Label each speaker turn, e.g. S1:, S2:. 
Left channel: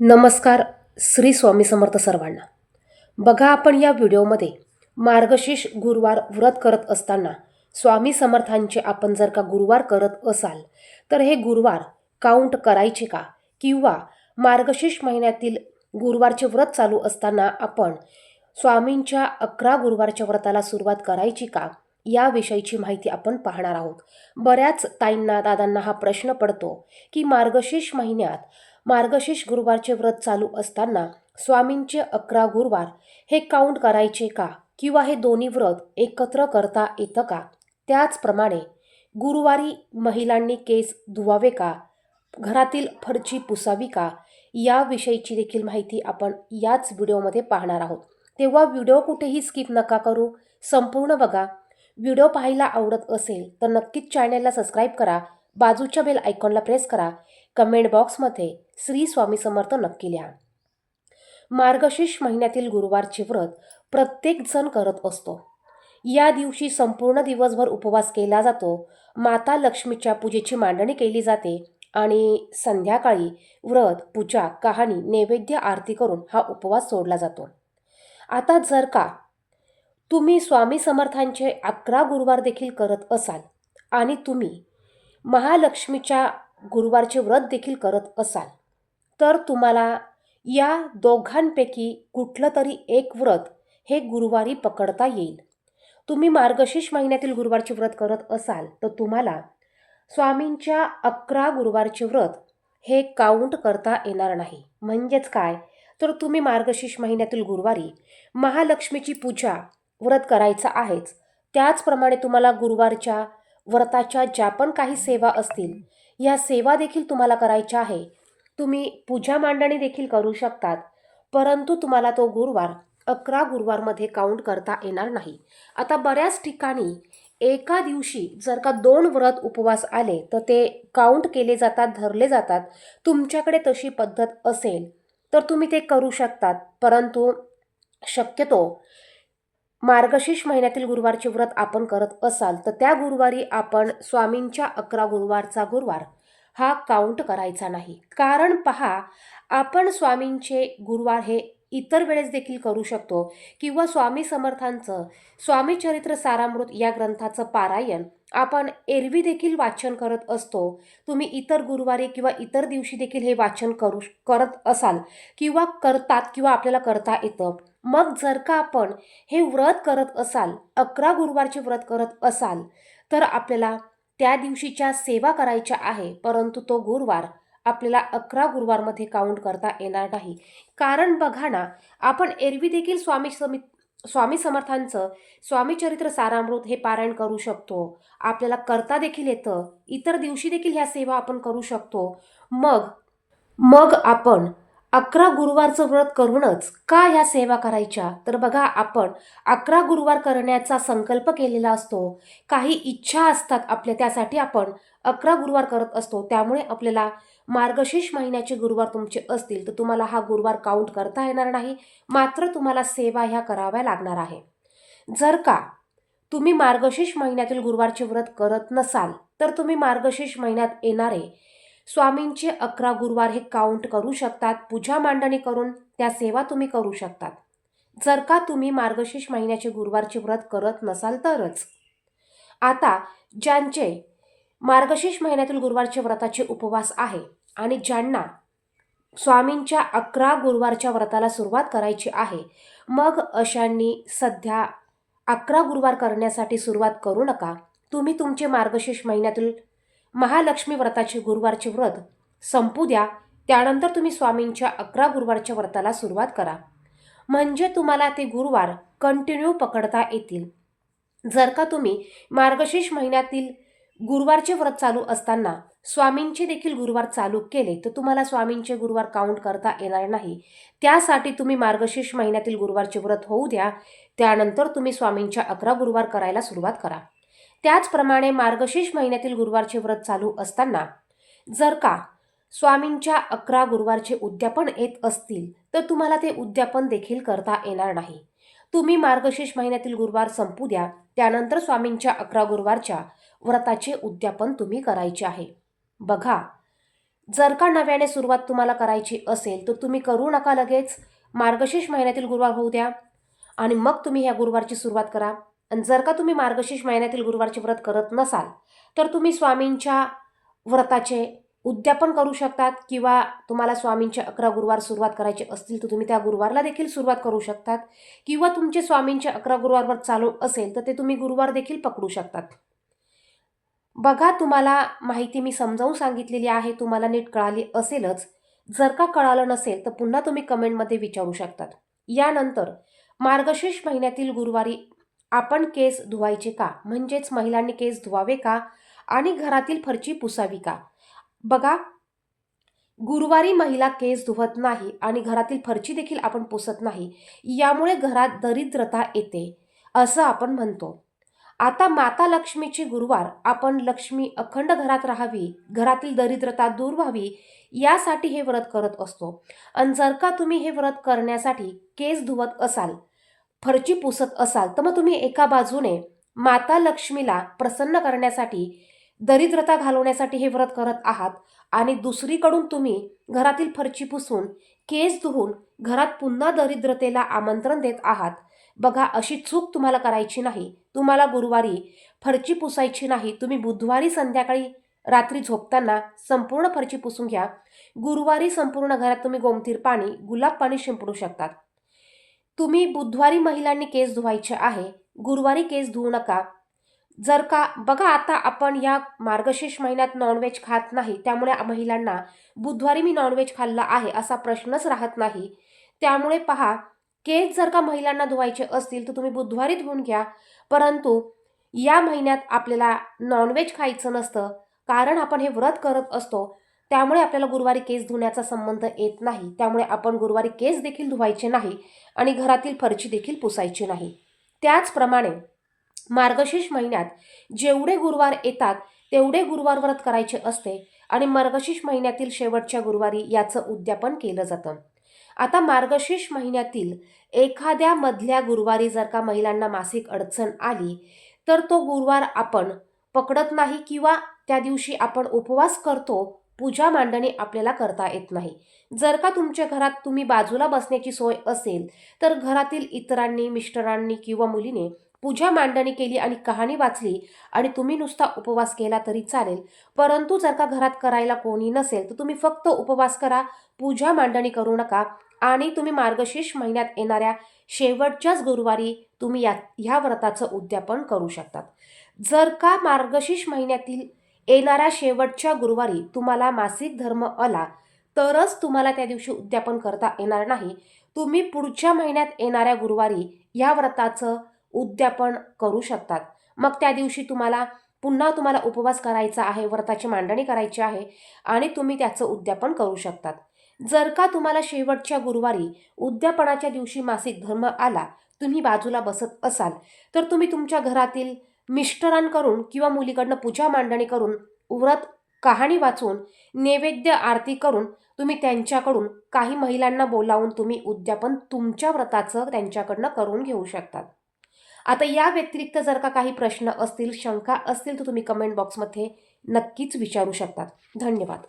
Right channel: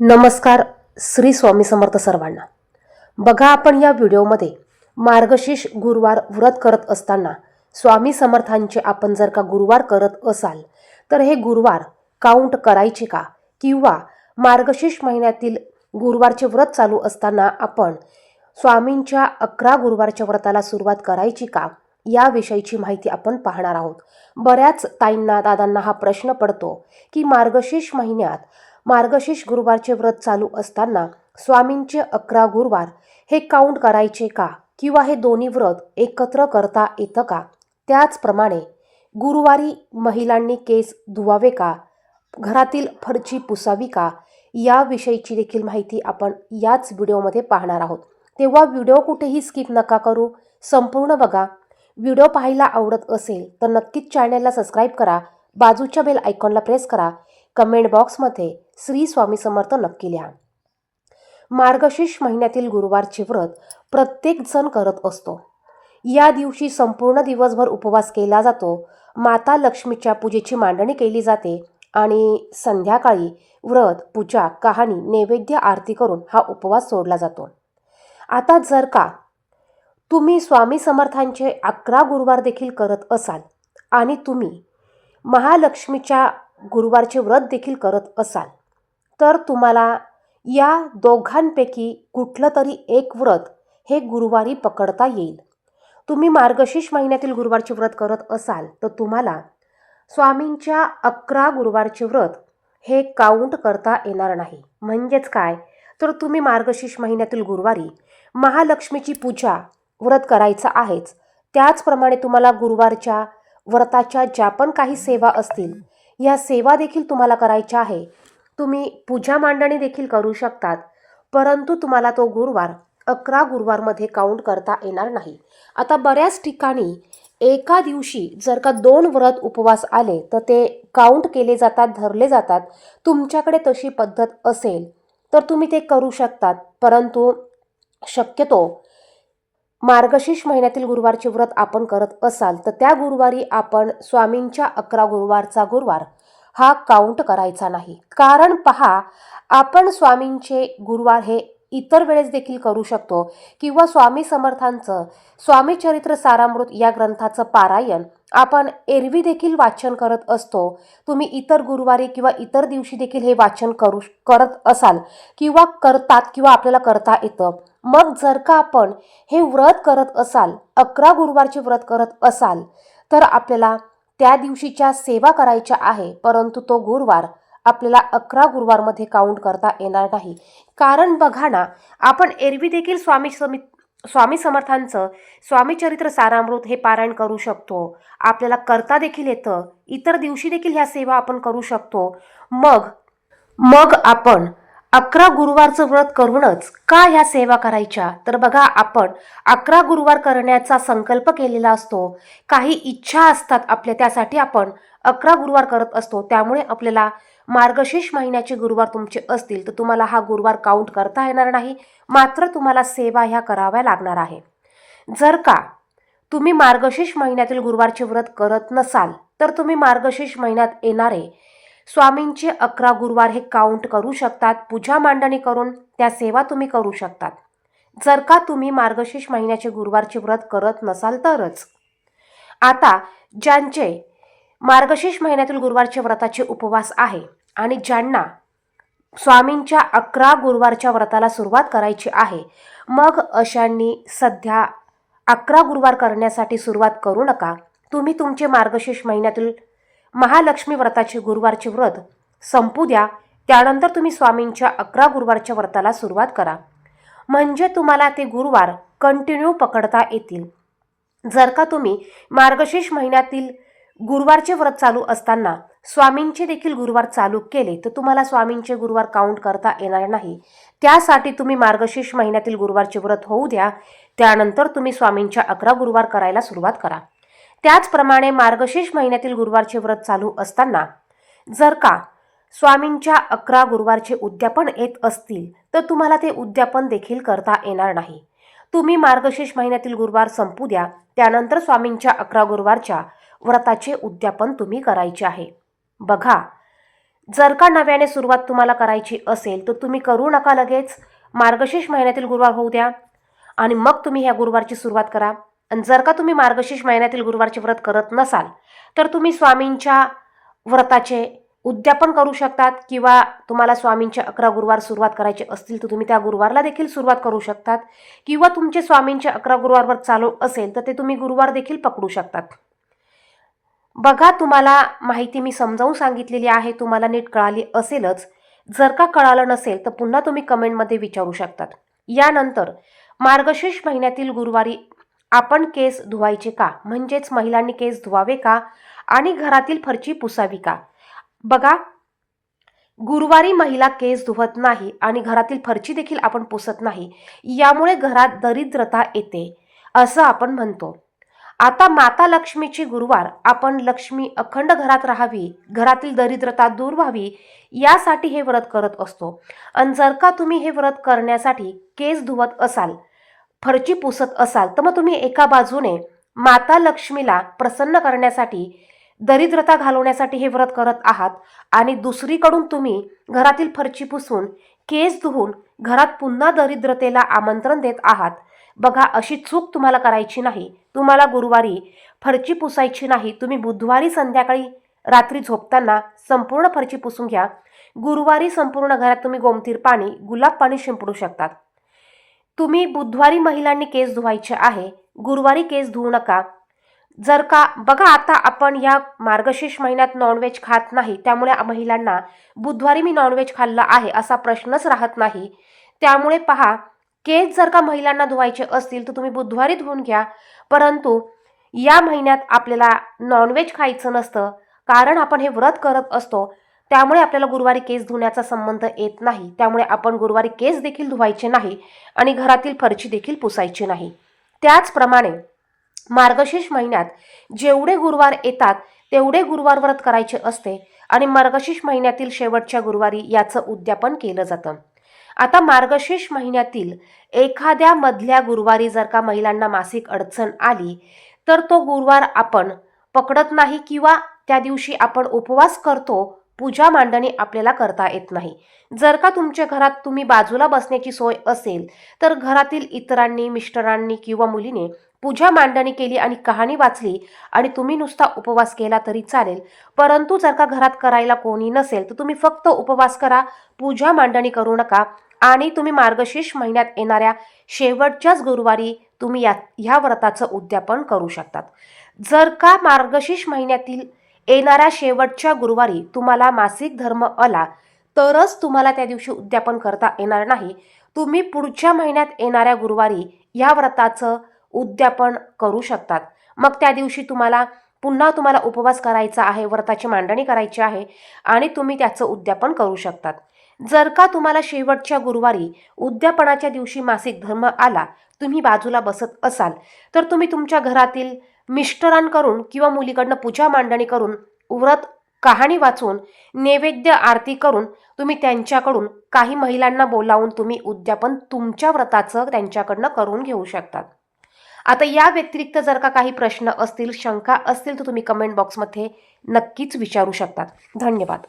S1: नमस्कार श्री स्वामी समर्थ सर्वांना. बघा आपण या व्हिडिओमध्ये मार्गशीर्ष गुरुवार व्रत करत असताना स्वामी समर्थांचे आपण जर का गुरुवार करत असाल तर हे गुरुवार काउंट करायचे का? किंवा मार्गशीर्ष महिन्यातील गुरुवारचे व्रत चालू असताना आपण स्वामींच्या अकरा गुरुवारच्या व्रताला सुरुवात करायची का? याविषयीची माहिती आपण पाहणार आहोत. बऱ्याच ताईंना दादांना हा प्रश्न पडतो की मार्गशीर्ष महिन्यात मार्गशीर्ष गुरुवारचे व्रत चालू असताना स्वामींचे अकरा गुरुवार हे काउंट करायचे का? किंवा हे दोन्ही व्रत एकत्र करता येतं का? त्याचप्रमाणे गुरुवारी महिलांनी केस धुवावे का? घरातील फरची पुसावी का? याविषयीची देखील माहिती आपण याच व्हिडिओमध्ये पाहणार आहोत. तेव्हा व्हिडिओ कुठेही स्किप नका करू. संपूर्ण बघा. व्हिडिओ पाहायला आवडत असेल तर नक्कीच चॅनलला सबस्क्राईब करा. बाजूच्या बेल आयकॉनला प्रेस करा. कमेंट बॉक्समध्ये श्री स्वामी समर्थ नक्की लिहा. मार्गशीर्ष महिन्यातील गुरुवारचे व्रत प्रत्येक जण करत असतो. या दिवशी संपूर्ण दिवसभर उपवास केला जातो. माता लक्ष्मीच्या पूजेची मांडणी केली जाते आणि संध्याकाळी व्रत पूजा कहाणी नैवेद्य आरती करून हा उपवास सोडला जातो. आता जर का तुम्ही स्वामी समर्थांचे अकरा गुरुवार देखील करत असाल आणि तुम्ही महालक्ष्मीच्या गुरुवारचे व्रत देखील करत असाल. तर तुम्हाला या दोघांपैकी कुठलं तरी एक व्रत हे गुरुवारी पकडता येईल. तुम्ही मार्गशीर्ष महिन्यातील गुरुवारचे व्रत करत असाल तर तुम्हाला स्वामींच्या अकरा गुरुवारचे व्रत हे काउंट करता येणार नाही. म्हणजेच काय? तर तुम्ही मार्गशीर्ष महिन्यातील गुरुवारी महालक्ष्मीची पूजा व्रत करायचं आहेच. त्याचप्रमाणे तुम्हाला गुरुवारच्या व्रताच्या ज्या पण काही सेवा असतील या सेवा देखील तुम्हाला करायच्या आहे. तुम्ही पूजा मांडणी देखील करू शकतात परंतु तुम्हाला तो गुरुवार अकरा गुरुवारमध्ये काउंट करता येणार नाही. आता बऱ्याच ठिकाणी एका दिवशी जर का दोन व्रत उपवास आले तर ते काउंट केले जातात धरले जातात. तुमच्याकडे तशी पद्धत असेल तर तुम्ही ते करू शकतात परंतु शक्यतो मार्गशीर्ष महिन्यातील गुरुवारचे व्रत आपण करत असाल तर त्या गुरुवारी आपण स्वामींच्या अकरा गुरुवारचा गुरुवार हा काउंट करायचा नाही. कारण पहा आपण स्वामींचे गुरुवार हे इतर वेळेस देखील करू शकतो किंवा स्वामी समर्थांचं स्वामी चरित्र सारामृत या ग्रंथाचं पारायण आपण एरवी देखील वाचन करत असतो. तुम्ही इतर गुरुवारी किंवा इतर दिवशी देखील हे वाचन करू करत असाल किंवा करतात किंवा आपल्याला करता येतं. मग जर का आपण हे व्रत करत असाल अकरा गुरुवारचे व्रत करत असाल तर आपल्याला त्या दिवशीच्या सेवा करायच्या आहे परंतु तो गुरुवार आपल्याला अकरा गुरुवारमध्ये काउंट करता येणार नाही. कारण बघा ना आपण एरवी देखील स्वामी समित स्वामी समर्थांचं स्वामी चरित्र सारामृत हे पारायण करू शकतो. आपल्याला करता देखील येतं इतर दिवशी देखील ह्या सेवा आपण करू शकतो. मग मग आपण अकरा गुरुवारचं व्रत करूनच का ह्या सेवा करायच्या? तर बघा आपण अकरा गुरुवार करण्याचा संकल्प केलेला असतो. काही इच्छा असतात आपल्या त्यासाठी आपण अकरा गुरुवार करत असतो. त्यामुळे आपल्याला मार्गशीर्ष महिन्याचे गुरुवार तुमचे असतील तर तुम्हाला हा गुरुवार काउंट करता येणार नाही. मात्र तुम्हाला सेवा ह्या कराव्या लागणार आहे. जर का तुम्ही मार्गशीर्ष महिन्यातील गुरुवारचे व्रत करत नसाल तर तुम्ही मार्गशीर्ष महिन्यात येणारे स्वामींचे अकरा गुरुवार हे काउंट करू शकतात. पूजा मांडणी करून त्या सेवा तुम्ही करू शकतात. जर का तुम्ही मार्गशीर्ष महिन्याचे गुरुवारचे व्रत करत नसाल तरच. आता ज्यांचे मार्गशीर्ष महिन्यातील गुरुवारचे व्रताचे उपवास आहे आणि ज्यांना स्वामींच्या अकरा गुरुवारच्या व्रताला सुरुवात करायची आहे मग अशांनी सध्या अकरा गुरुवार करण्यासाठी सुरुवात करू नका. तुम्ही तुमचे मार्गशीर्ष महिन्यातील महालक्ष्मी व्रताचे गुरुवारचे व्रत संपू द्या. त्यानंतर तुम्ही स्वामींच्या अकरा गुरुवारच्या व्रताला सुरुवात करा. म्हणजे तुम्हाला ते गुरुवार कंटिन्यू पकडता येतील. जर का तुम्ही मार्गशीर्ष महिन्यातील गुरुवारचे व्रत चालू असताना स्वामींचे देखील गुरुवार चालू केले तर तुम्हाला स्वामींचे गुरुवार काउंट करता येणार नाही. त्यासाठी तुम्ही मार्गशीर्ष महिन्यातील गुरुवारचे व्रत होऊ द्या. त्यानंतर तुम्ही स्वामींच्या अकरा गुरुवार करायला सुरुवात करा. त्याचप्रमाणे मार्गशीर्ष महिन्यातील गुरुवारचे व्रत चालू असताना जर का स्वामींच्या अकरा गुरुवारचे उद्यापन येत असतील तर तुम्हाला ते उद्यापन देखील करता येणार नाही. तुम्ही मार्गशीर्ष महिन्यातील गुरुवार संपू द्या त्यानंतर स्वामींच्या अकरा गुरुवारच्या व्रताचे उद्यापन तुम्ही करायचे आहे. बघा जर का नव्याने सुरुवात तुम्हाला करायची असेल तर तुम्ही करू नका लगेच. मार्गशीर्ष महिन्यातील गुरुवार होऊ द्या आणि मग तुम्ही ह्या गुरुवारची सुरुवात करा. आणि जर का तुम्ही मार्गशीर्ष महिन्यातील गुरुवारचे व्रत करत नसाल तर तुम्ही स्वामींच्या व्रताचे उद्यापन करू शकतात किंवा तुम्हाला स्वामींचे अकरा गुरुवार सुरुवात करायचे असतील तर तुम्ही त्या गुरुवारला देखील सुरुवात करू शकतात. किंवा तुमचे स्वामींचे अकरा गुरुवारवर चालू असेल तर ते तुम्ही गुरुवार देखील पकडू शकतात. बघा तुम्हाला माहिती मी समजावून सांगितलेली आहे तुम्हाला नीट कळाली असेलच. जर का कळालं नसेल तर पुन्हा तुम्ही कमेंटमध्ये विचारू शकतात. यानंतर मार्गशीर्ष महिन्यातील गुरुवारी आपण केस धुवायचे का? म्हणजेच महिलांनी केस धुवावे का? आणि घरातील फरची पुसावी का? बघा गुरुवारी महिला केस धुवत नाही आणि घरातील फरची देखील आपण पुसत नाही यामुळे घरात दरिद्रता येते असं आपण म्हणतो. आता माता लक्ष्मीची गुरुवार आपण लक्ष्मी अखंड घरात राहावी घरातील दरिद्रता दूर व्हावी यासाठी हे व्रत करत असतो. आणि जर का तुम्ही हे व्रत करण्यासाठी केस धुवत असाल फरची पुसत असाल तर मग तुम्ही एका बाजूने माता लक्ष्मीला प्रसन्न करण्यासाठी दरिद्रता घालवण्यासाठी हे व्रत करत आहात आणि दुसरीकडून तुम्ही घरातील फरची पुसून केस धुवून घरात पुन्हा दरिद्रतेला आमंत्रण देत आहात. बघा अशी चूक तुम्हाला करायची नाही. तुम्हाला गुरुवारी फरची पुसायची नाही. तुम्ही बुधवारी संध्याकाळी रात्री झोपताना संपूर्ण फरची पुसून घ्या. गुरुवारी संपूर्ण घरात तुम्ही गोमतीर पाणी गुलाब पाणी शिंपडू शकतात. तुम्ही बुधवारी महिलांनी केस धुवायचे आहे गुरुवारी केस धुवू नका. जर का बघा आता आपण या मार्गशीर्ष महिन्यात नॉनव्हेज खात नाही त्यामुळे महिलांना बुधवारी मी नॉनव्हेज खाल्लं आहे असा प्रश्नच राहत नाही. त्यामुळे पहा केस जर का महिलांना धुवायचे असतील तर तुम्ही बुधवारी धुवून घ्या. परंतु या महिन्यात आपल्याला नॉनव्हेज खायचं नसतं कारण आपण हे व्रत करत असतो. त्यामुळे आपल्याला गुरुवारी केस धुण्याचा संबंध येत नाही. त्यामुळे आपण गुरुवारी केस देखील धुवायचे नाही. आणि घरातील फरची देखील पुसायची नाही. त्याचप्रमाणे मार्गशीर्ष महिन्यात जेवढे गुरुवार येतात तेवढे गुरुवार व्रत करायचे असते आणि मार्गशीर्ष महिन्यातील शेवटच्या गुरुवारी याचं उद्यापन केलं जातं. आता मार्गशीर्ष महिन्यातील एखाद्या मधल्या गुरुवारी जर का महिलांना मासिक अडचण आली तर तो गुरुवार आपण पकडत नाही किंवा त्या दिवशी आपण उपवास करतो पूजा मांडणी आपल्याला करता येत नाही. जर का तुमच्या घरात तुम्ही बाजूला बसण्याची सोय असेल तर घरातील इतरांनी मिस्टरांनी किंवा मुलीने पूजा मांडणी केली आणि कहाणी वाचली आणि तुम्ही नुसता उपवास केला तरी चालेल. परंतु जर का घरात करायला कोणी नसेल तर तुम्ही फक्त उपवास करा पूजा मांडणी करू नका आणि तुम्ही मार्गशीर्ष महिन्यात येणाऱ्या शेवटच्याच गुरुवारी तुम्ही या ह्या व्रताचं उद्यापन करू शकतात. जर का मार्गशीर्ष महिन्यातील येणाऱ्या शेवटच्या गुरुवारी तुम्हाला मासिक धर्म आला तरच तुम्हाला त्या दिवशी उद्यापन करता येणार नाही. तुम्ही पुढच्या महिन्यात येणाऱ्या गुरुवारी ह्या व्रताचं उद्यापन करू शकतात. मग त्या दिवशी तुम्हाला पुन्हा तुम्हाला उपवास करायचा आहे व्रताची मांडणी करायची आहे आणि तुम्ही त्याचं उद्यापन करू शकतात. जर का तुम्हाला शेवटच्या गुरुवारी उद्यापनाच्या दिवशी मासिक धर्म आला तुम्ही बाजूला बसत असाल तर तुम्ही तुमच्या घरातील मिस्टरांकडून किंवा मुलीकडनं पूजा मांडणी करून व्रत कहाणी वाचून नैवेद्य आरती करून तुम्ही त्यांच्याकडून काही महिलांना बोलावून तुम्ही उद्यापन तुमच्या व्रताचं त्यांच्याकडनं करून घेऊ शकतात. आता या व्यतिरिक्त जर का काही प्रश्न असतील शंका असतील तर तुम्ही कमेंट बॉक्समध्ये नक्कीच विचारू शकतात. धन्यवाद.